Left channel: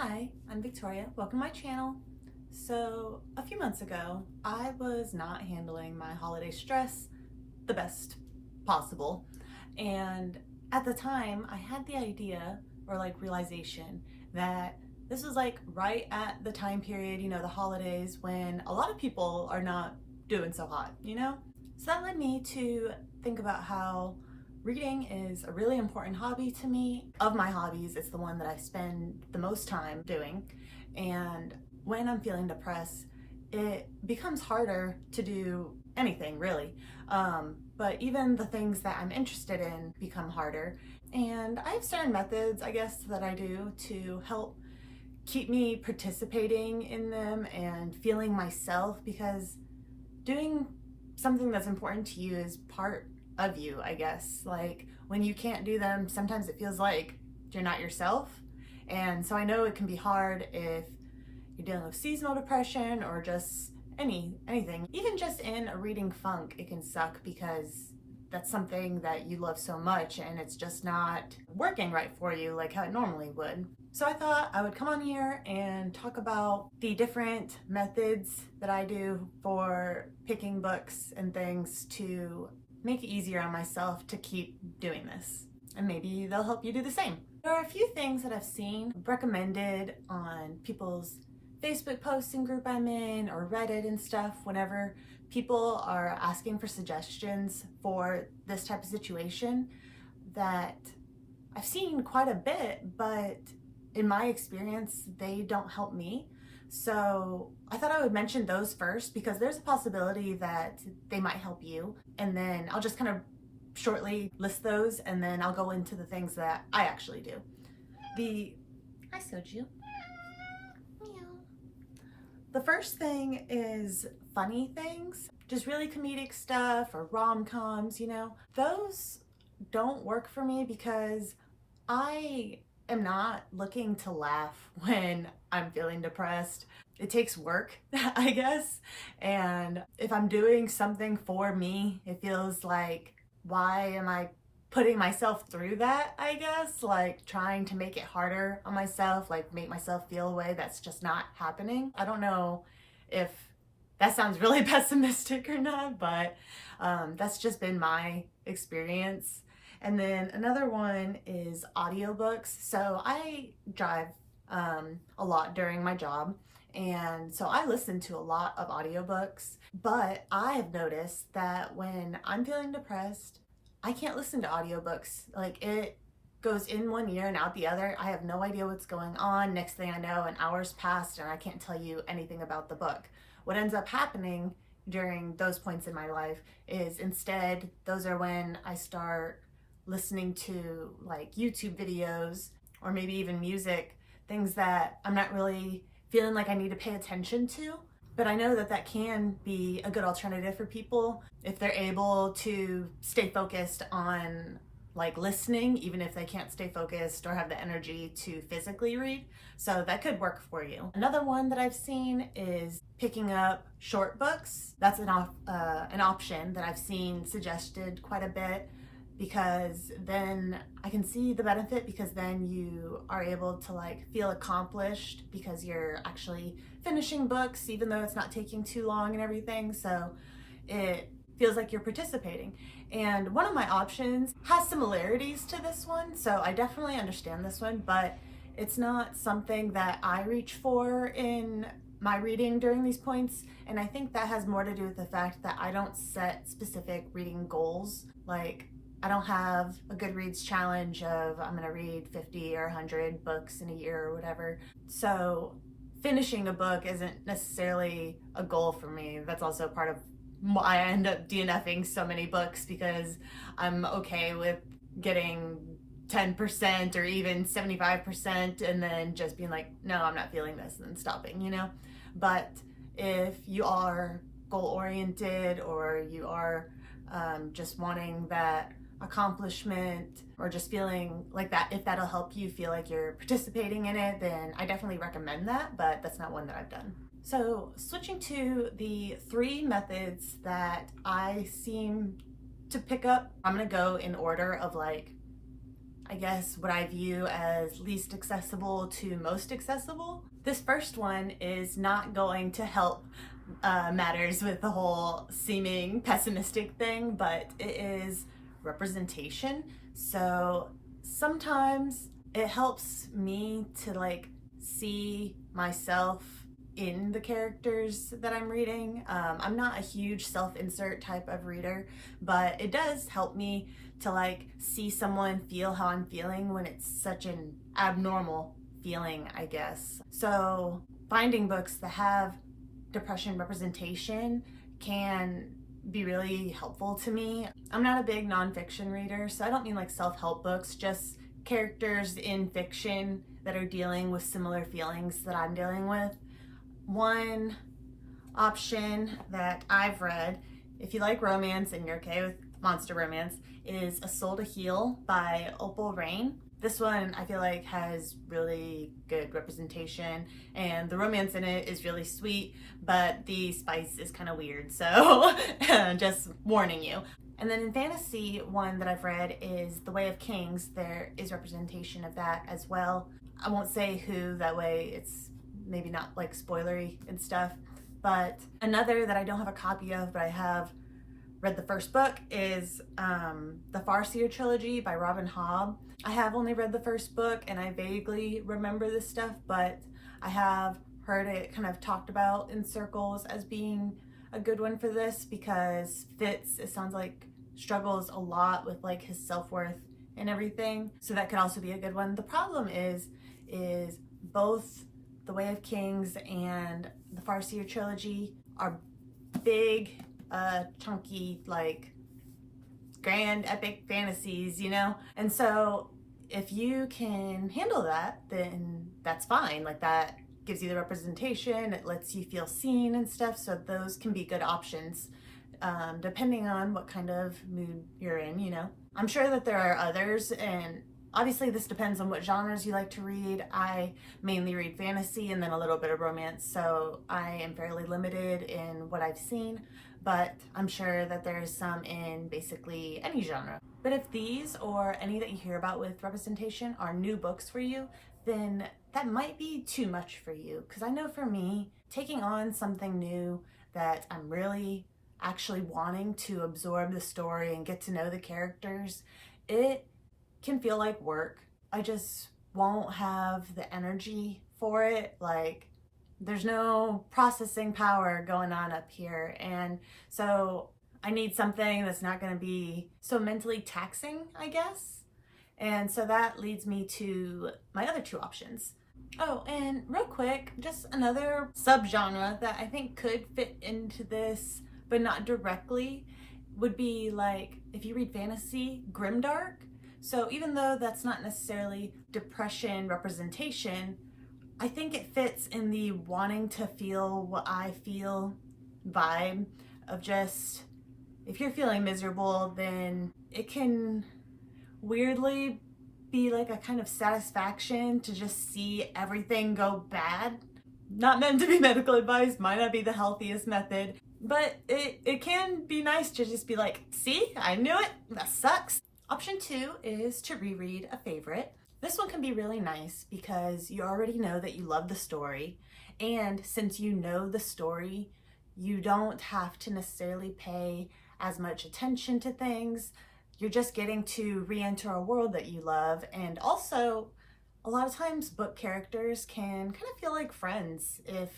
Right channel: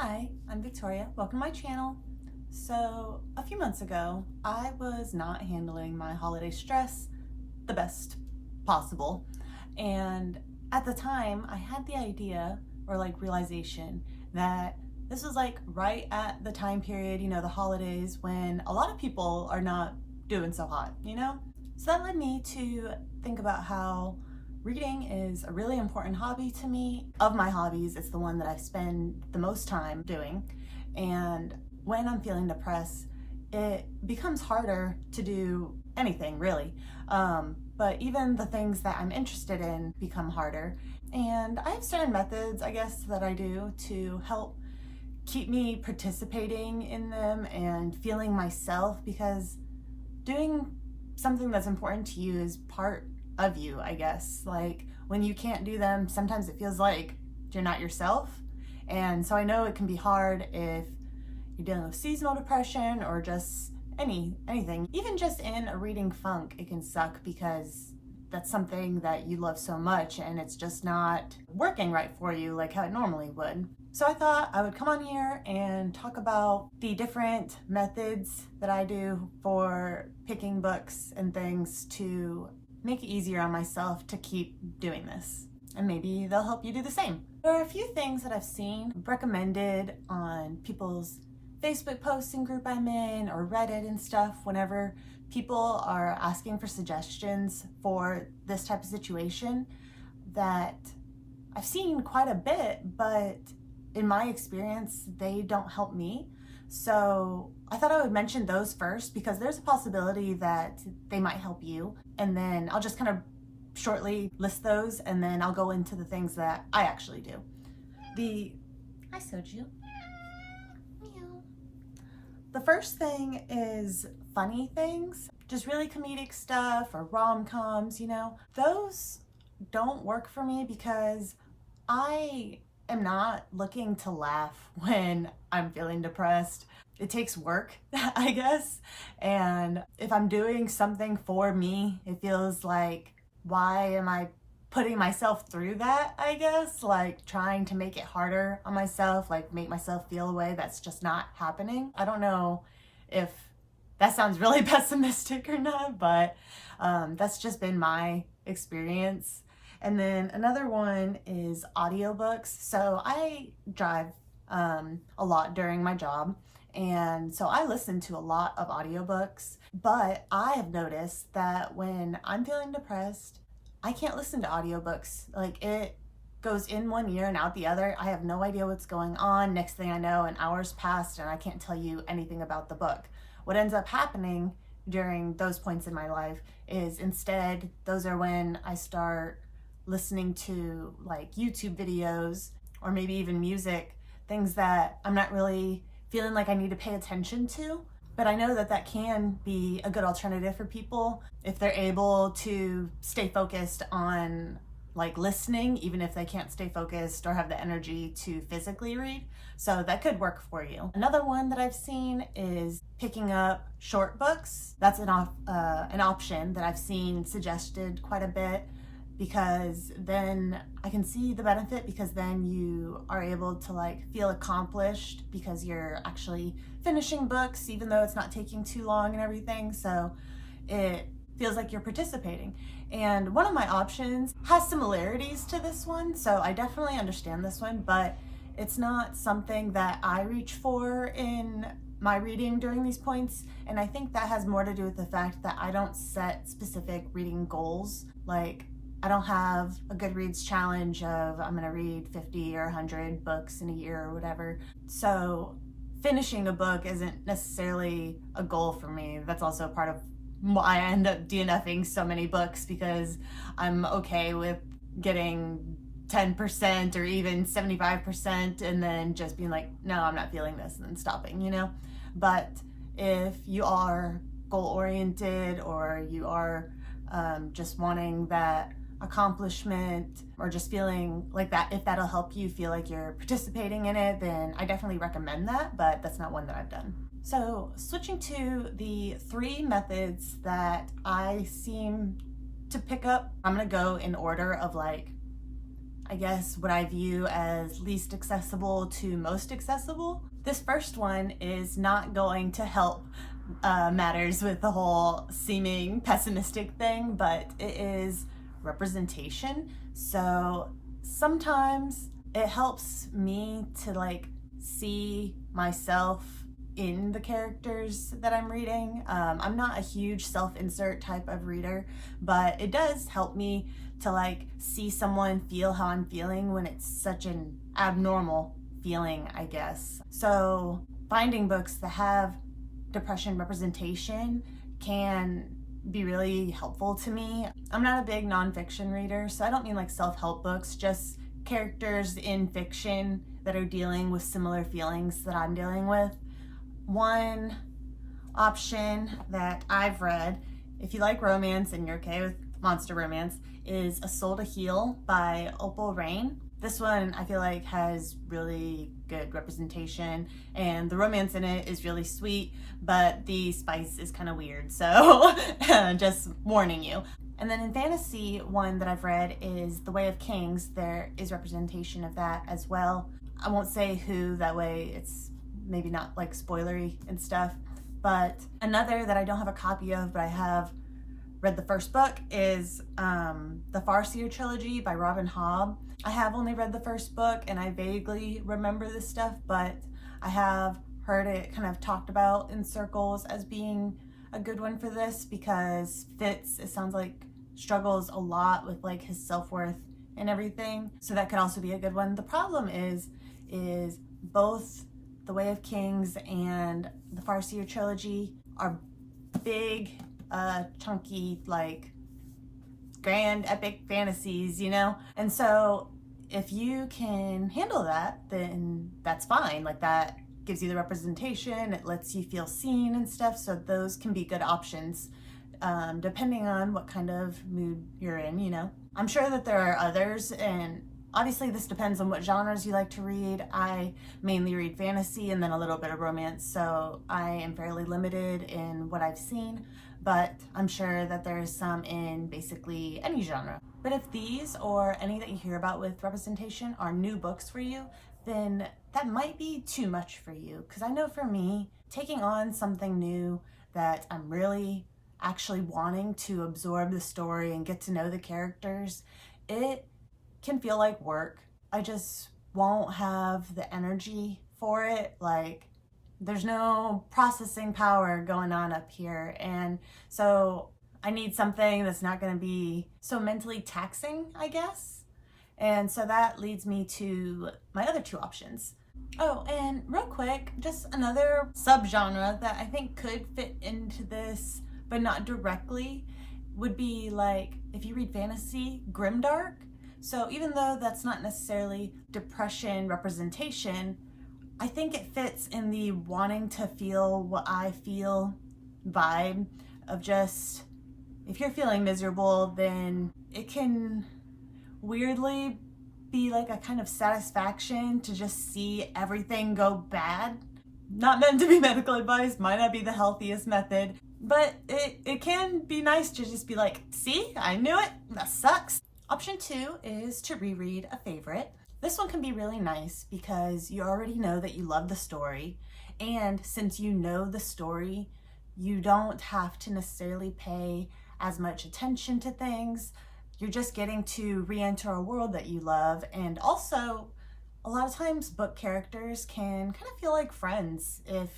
Hi, I'm Victoria. Welcome to my channel. So, a few months ago, I was not handling my holiday stress the best possible. And at the time, I had the idea or realization that this was right at the time period, the holidays when a lot of people are not doing so hot. So that led me to think about how reading is a really important hobby to me. Of my hobbies, it's the one that I spend the most time doing. And when I'm feeling depressed, it becomes harder to do anything really. But even the things that I'm interested in become harder. And I have certain methods, I guess, that I do to help keep me participating in them and feeling myself, because doing something that's important to you is part of you, I guess. Like when you can't do them, sometimes it feels like you're not yourself. And so I know it can be hard if you're dealing with seasonal depression or just anything. Even just in a reading funk, it can suck because that's something that you love so much and it's just not working right for you like how it normally would. So I thought I would come on here and talk about the different methods that I do for picking books and things to make it easier on myself to keep doing this. And maybe they'll help you do the same. There are a few things that I've seen recommended on people's Facebook posting group I'm in or Reddit and stuff whenever people are asking for suggestions for this type of situation that I've seen quite a bit, but in my experience, they don't help me. So I thought I would mention those first because there's a possibility that they might help you. And then I'll just kind of shortly list those and then I'll go into the things that I actually do. Hi, Soju. The first thing is funny things, just really comedic stuff or rom-coms, Those don't work for me because I am not looking to laugh when I'm feeling depressed. It takes work, I guess. And if I'm doing something for me, it feels like, why am I putting myself through that, I guess? Like trying to make it harder on myself, like make myself feel a way that's just not happening. I don't know if that sounds really pessimistic or not, but that's just been my experience. And then another one is audiobooks. So I drive a lot during my job. And so I listen to a lot of audiobooks, but I have noticed that when I'm feeling depressed, I can't listen to audiobooks. Like it goes in one ear and out the other. I have no idea what's going on. Next thing I know, an hour's passed and I can't tell you anything about the book. What ends up happening during those points in my life is instead, those are when I start listening to like YouTube videos or maybe even music, things that I'm not really feeling like I need to pay attention to. But I know that that can be a good alternative for people if they're able to stay focused on like listening, even if they can't stay focused or have the energy to physically read. So that could work for you. Another one that I've seen is picking up short books. That's an option that I've seen suggested quite a bit, because then I can see the benefit, because then you are able to like feel accomplished because you're actually finishing books, even though it's not taking too long and everything. So it feels like you're participating. And one of my options has similarities to this one, so I definitely understand this one, but it's not something that I reach for in my reading during these points. And I think that has more to do with the fact that I don't set specific reading goals. Like I don't have a Goodreads challenge of I'm gonna read 50 or 100 books in a year or whatever. So finishing a book isn't necessarily a goal for me. That's also part of why I end up DNFing so many books, because I'm okay with getting 10% or even 75% and then just being like, no, I'm not feeling this, and then stopping, But if you are goal-oriented or you are just wanting that accomplishment or just feeling like that, if that'll help you feel like you're participating in it, then I definitely recommend that, but that's not one that I've done. So switching to the 3 methods that I seem to pick up, I'm gonna go in order of like I guess, what I view as least accessible to most accessible. This first one is not going to help matters with the whole seeming pessimistic thing, but it is representation. So sometimes it helps me to like see myself in the characters that I'm reading. I'm not a huge self-insert type of reader, but it does help me to like see someone feel how I'm feeling when it's such an abnormal feeling, I guess. So finding books that have depression representation can be really helpful to me. I'm not a big nonfiction reader, so I don't mean like self-help books, just characters in fiction that are dealing with similar feelings that I'm dealing with. One option that I've read, if you like romance and you're okay with monster romance, is A Soul to Heal by Opal Rain. This one I feel like has really good representation, and the romance in it is really sweet, but the spice is kind of weird, so just warning you. And then in fantasy, one that I've read is The Way of Kings. There is representation of that as well. I won't say who, that way it's maybe not like spoilery and stuff. But another that I don't have a copy of, but I have read the first book, is the Farseer trilogy by Robin Hobb. I have only read the first book and I vaguely remember this stuff, but I have heard it kind of talked about in circles as being a good one for this, because Fitz, it sounds like, struggles a lot with like his self-worth and everything, so that could also be a good one. The problem is both The Way of Kings and the Farseer trilogy are big, chunky, like grand epic fantasies, you know? And so if you can handle that, then that's fine. Like, that gives you the representation, it lets you feel seen and stuff, so those can be good options, depending on what kind of mood you're in, you know? I'm sure that there are others, and obviously this depends on what genres you like to read. I mainly read fantasy and then a little bit of romance, so I am fairly limited in what I've seen, but I'm sure that there's some in basically any genre. But if these or any that you hear about with representation are new books for you, then that might be too much for you. Because I know for me, taking on something new that I'm really actually wanting to absorb the story and get to know the characters, it can feel like work. I just won't have the energy for it. Like, there's no processing power going on up here, and so I need something that's not going to be so mentally taxing, I guess. And so that leads me to my other two options. Oh, and real quick, just another subgenre that I think could fit into this, but not directly, would be like, if you read fantasy, grimdark. So even though that's not necessarily depression representation, I think it fits in the wanting to feel what I feel vibe of just, if you're feeling miserable, then it can weirdly be like a kind of satisfaction to just see everything go bad. Not meant to be medical advice, might not be the healthiest method, but it can be nice to just be like, see, I knew it, that sucks. Option 2 is to reread a favorite. This one can be really nice because you already know that you love the story, and since you know the story, you don't have to necessarily pay as much attention to things. You're just getting to re-enter a world that you love, and also a lot of times book characters can kind of feel like friends if,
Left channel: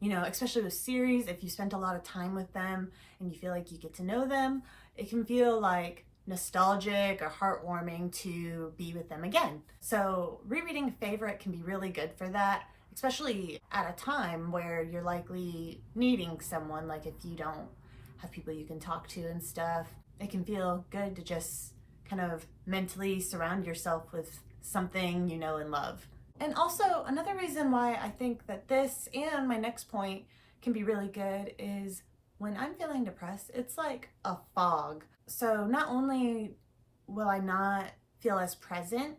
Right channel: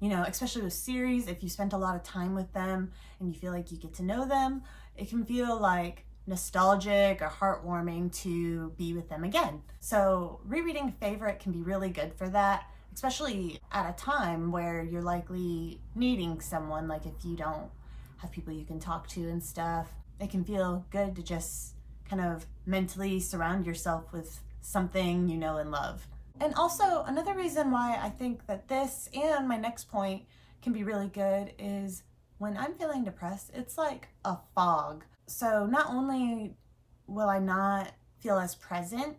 you know, especially with series, if you spent a lot of time with them and you feel like you get to know them, it can feel like nostalgic or heartwarming to be with them again. So rereading a favorite can be really good for that, especially at a time where you're likely needing someone, like if you don't have people you can talk to and stuff. It can feel good to just kind of mentally surround yourself with something you know and love. And also, another reason why I think that this and my next point can be really good is when I'm feeling depressed, it's like a fog. So not only will I not feel as present,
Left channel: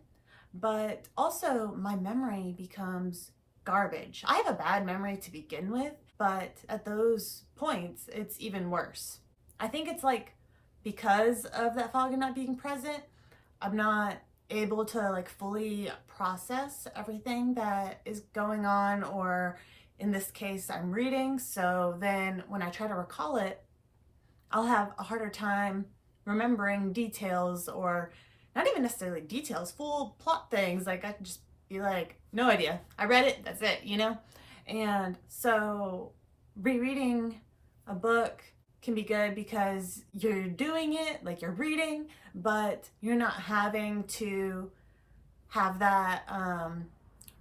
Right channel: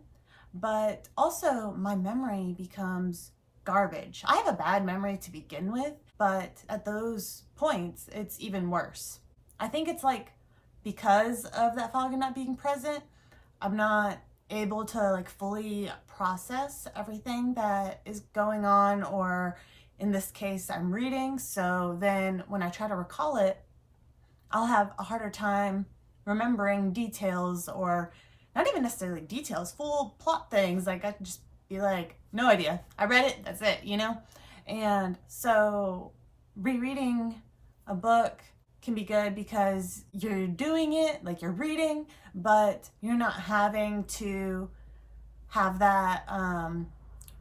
but also my memory becomes garbage. I have a bad memory to begin with, but at those points, it's even worse. I think it's like, because of that fog and not being present, I'm not able to like fully process everything that is going on, or in this case, I'm reading. So then when I try to recall it, I'll have a harder time remembering details, or not even necessarily details, full plot things. Like I could just be like, no idea. I read it, that's it, you know? And so rereading a book can be good because you're doing it, like you're reading, but you're not having to have that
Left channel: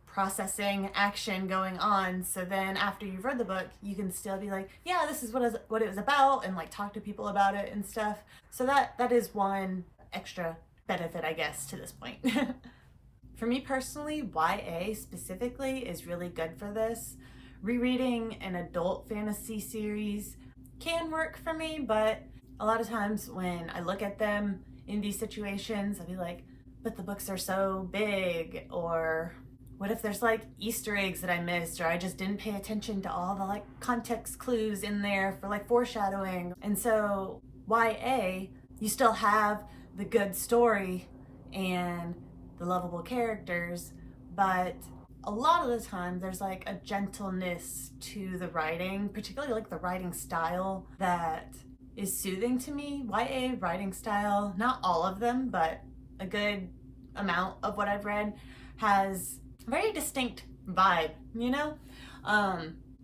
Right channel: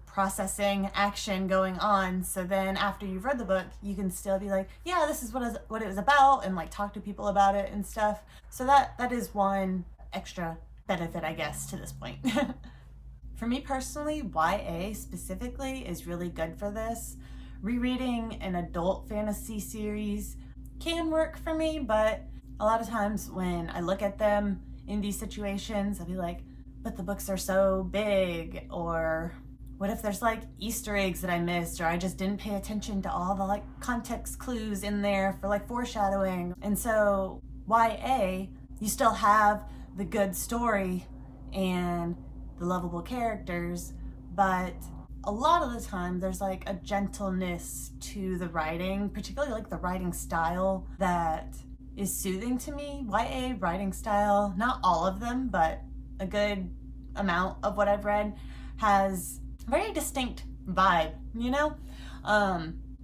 processing action going on. So then after you've read the book, you can still be like, yeah, this is what it was about, and like talk to people about it and stuff. So that is one extra benefit, I guess, to this point. For me personally, YA specifically is really good for this. Rereading an adult fantasy series can work for me, but a lot of times when I look at them in these situations, I'll be like, but the books are so big, or what if there's like Easter eggs that I missed, or I just didn't pay attention to all the like context clues in there for like foreshadowing. And so YA, you still have the good story and the lovable characters, but a lot of the time there's like a gentleness to the writing, particularly like the writing style, that is soothing to me. YA writing style, not all of them, but a good amount of what I've read has a very distinct vibe, you know?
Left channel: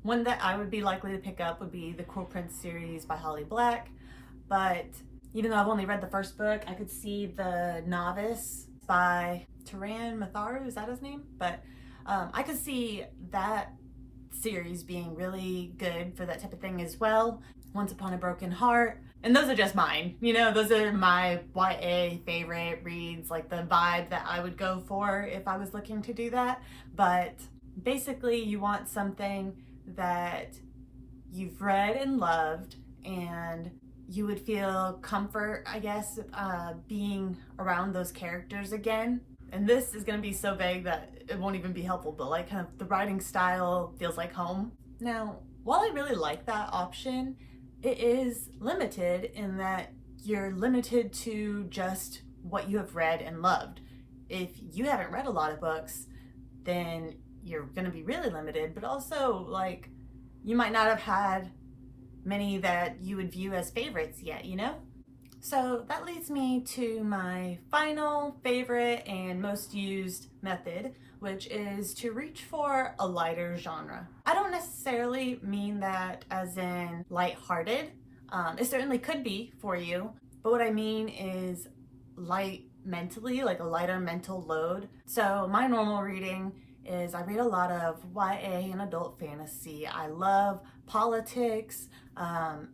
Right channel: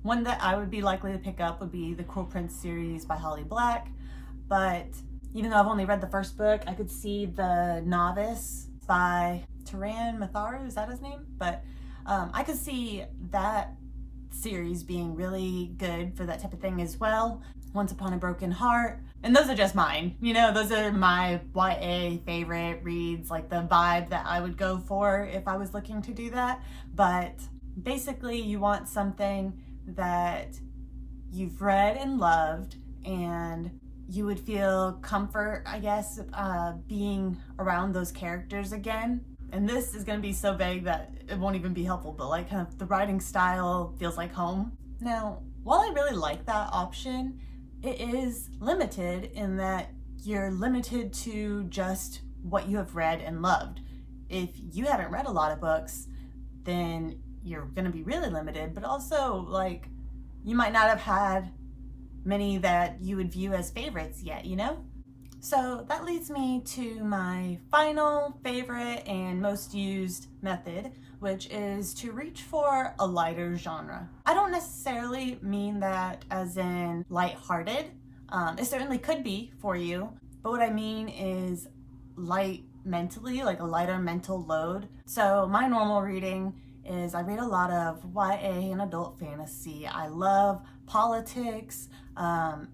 One that I would be likely to pick up would be the Cruel Prince series by Holly Black, but even though I've only read the first book, I could see The Novice by Taran Matharu, is that his name? But I could see that series being really good for that type of thing as well. Once Upon a Broken Heart. And those are just mine, you know, those are my YA favorite reads, like the vibe that I would go for if I was looking to do that. But basically you want something that you've read and loved, and you would feel comfort, I guess, being around those characters again. And this is going to be so vague that it won't even be helpful, but like kind of the writing style feels like home. Now, while I really like that option, it is limited in that you're limited to just what you have read and loved. If you haven't read a lot of books, then you're going to be really limited, but also like you might not have had many that you would view as favorites yet, you know? So that leads me to my final favorite and most used method, which is to reach for a lighter genre. I don't necessarily mean that as in lighthearted. It certainly could be for you, but what I mean is light mentally, like a lighter mental load. So my normal reading is I read a lot of YA and adult fantasy. I love politics,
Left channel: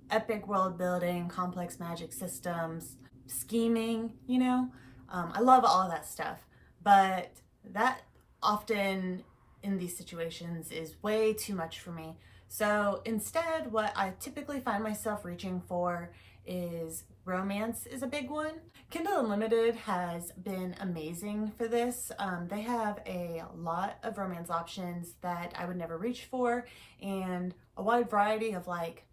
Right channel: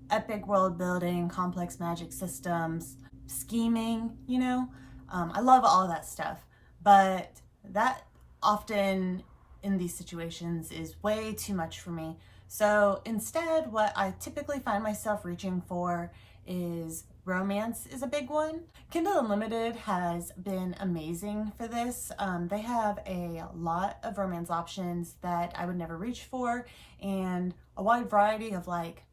epic world building, complex magic systems, scheming, you know? I love all that stuff, but that often in these situations is way too much for me. So instead, what I typically find myself reaching for is romance is a big one. Kindle Unlimited has been amazing for this. They have a lot of romance options that I would never reach for, and a wide variety of like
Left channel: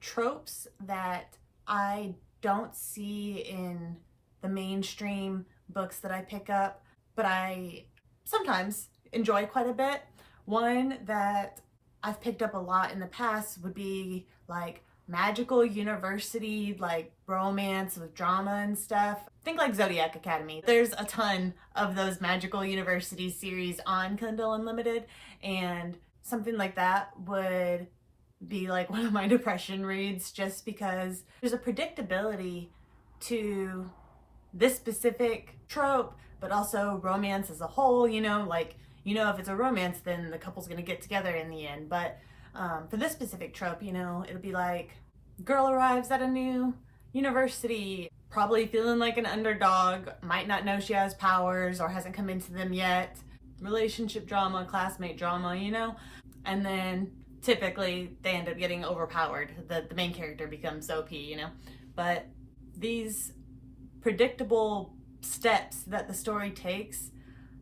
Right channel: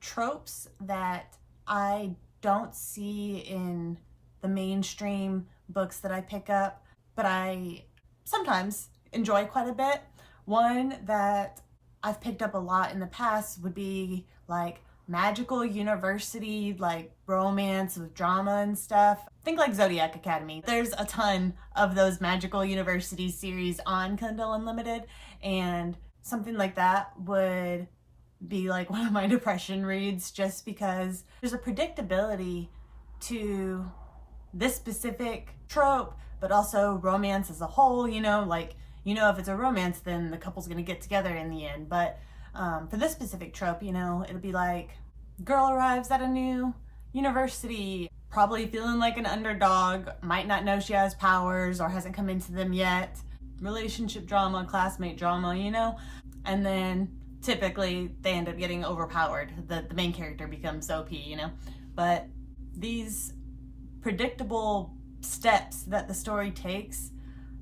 tropes that I don't see in the mainstream books that I pick up, but I sometimes enjoy quite a bit. One that I've picked up a lot in the past would be like magical university, like romance with drama and stuff. Think like Zodiac Academy. There's a ton of those magical university series on Kindle Unlimited, and something like that would be like one of my depression reads, just because there's a predictability to this specific trope, but also romance as a whole, you know, like, you know, if it's a romance, then the couple's gonna get together in the end. But for this specific trope, you know, it'll be like, girl arrives at a new university, probably feeling like an underdog, might not know she has powers or hasn't come into them yet. Relationship drama, classmate drama, you know? And then typically they end up getting overpowered. The main character becomes OP, you know? But these predictable steps that the story takes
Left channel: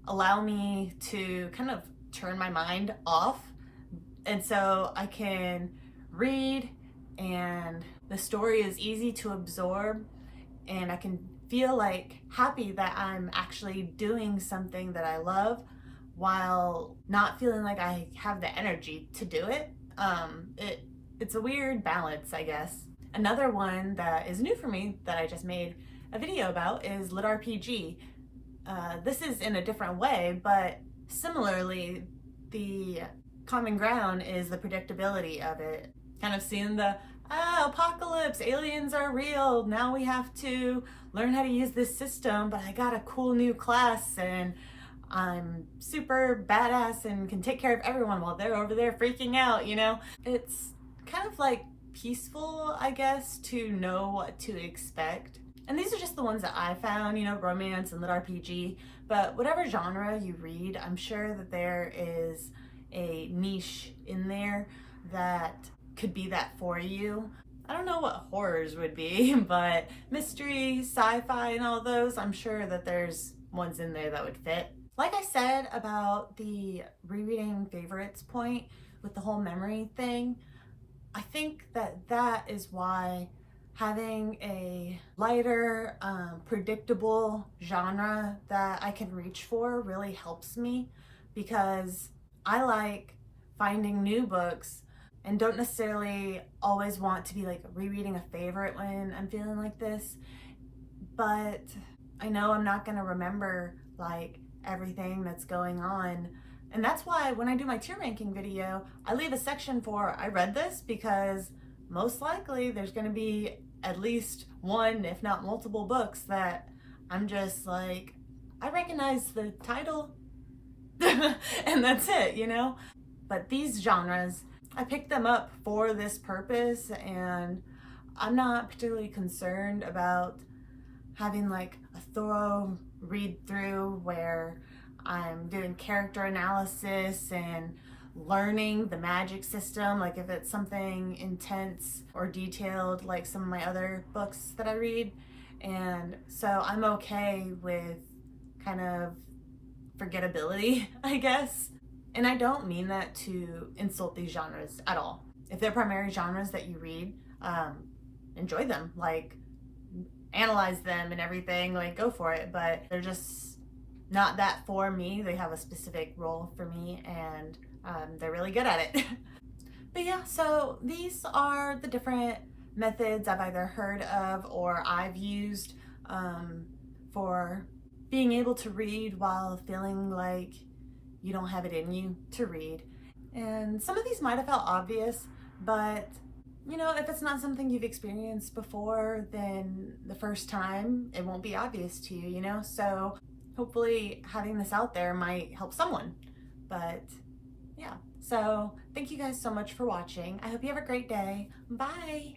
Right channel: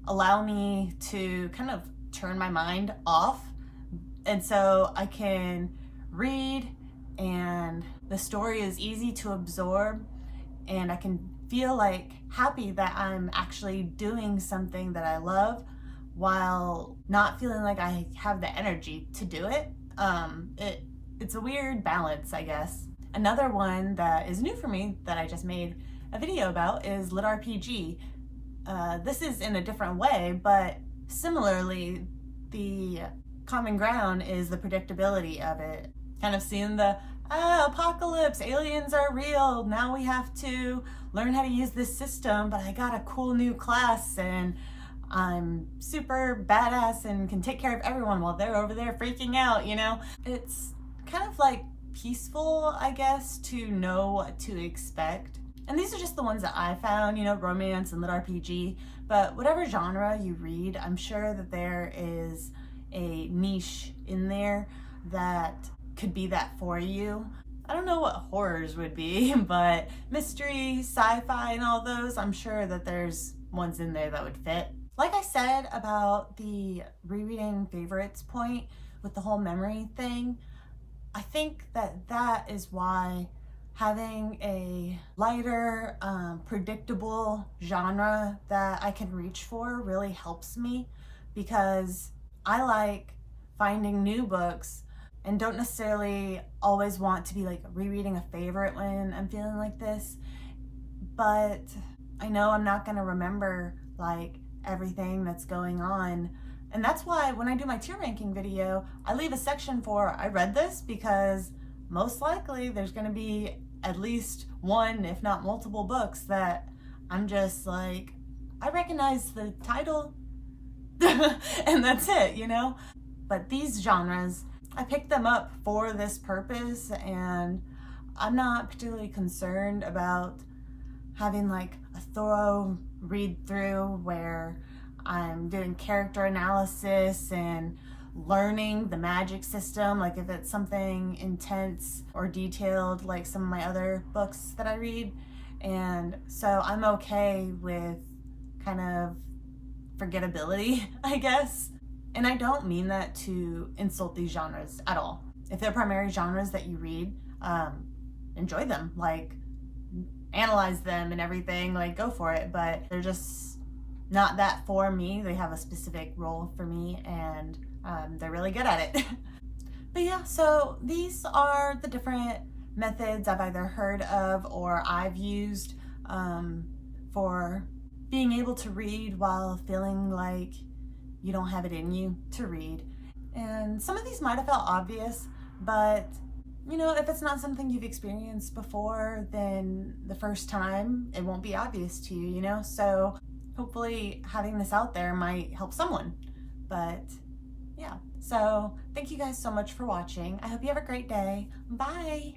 allow me to kind of turn my mind off. And so I can read, and the story is easy to absorb, and I can feel like happy that I'm actually doing something that I love while not feeling like I have the energy to do it. It's a weird balance, I guess. Another one that is new for me that I just made a video about is Lit RPG. This is in a different way, but similarly, the common ground is the predictability of it. Kind of seeing the apocalypse, aliens are real, now we have to learn how to use this system, but I got a cool new class and I'm super badass and can take care of everyone while they're over there freaking out, you know? It's kind of like peaceful, I guess, to know what to expect. And these are just the ones that I found, you know, romance and lit RPG, but whatever genre you read, I'm sure that there is a niche in there that could be that for you. I don't know what horrors would be, but mystery, sci-fi, and all those, I'm sure that there's ones in there that would fit. Like I said about the rereading favorites point with the whole memory thing, I think that that is why having a lighter, predictable genre that I can reach for really helps me, because I like finding new books and don't necessarily always want to be like rereading a favorite when I'm feeling like this, but I know I'm not gonna remember like everything that's going on. And that's why when I do my tier ranking video, I leave a section for I read this, because most likely there's gonna be at least one, if not multiple books that I'm just like, I recognize the title and that's it, you know? But these genres, I picked them up for this purpose, and I'm not particularly concerned about having like a thorough read through where I'm doing character analysis and learning the magic system, like if it's something intense or detailed like some of my other books that I read. And so I'm okay with kind of forgettability, I guess. And I don't mean that to insult these genres at all. If they're primary genres that you read, enjoy them, like analyze them and everything, like go for it. But they're just not that for me. They have a specific role for me, and they're really good at it. But yeah, so these are the different methods I've either heard of or I've used for being able to read while feeling like you don't have it in you to read. And some of these might have felt obvious, but you know, if it's not something you've experienced before, then the first time it won't be obvious to you, you know? So hopefully having this out there might help someone. But yeah, so thank you guys so much for watching. I hope you have a great day. Bye.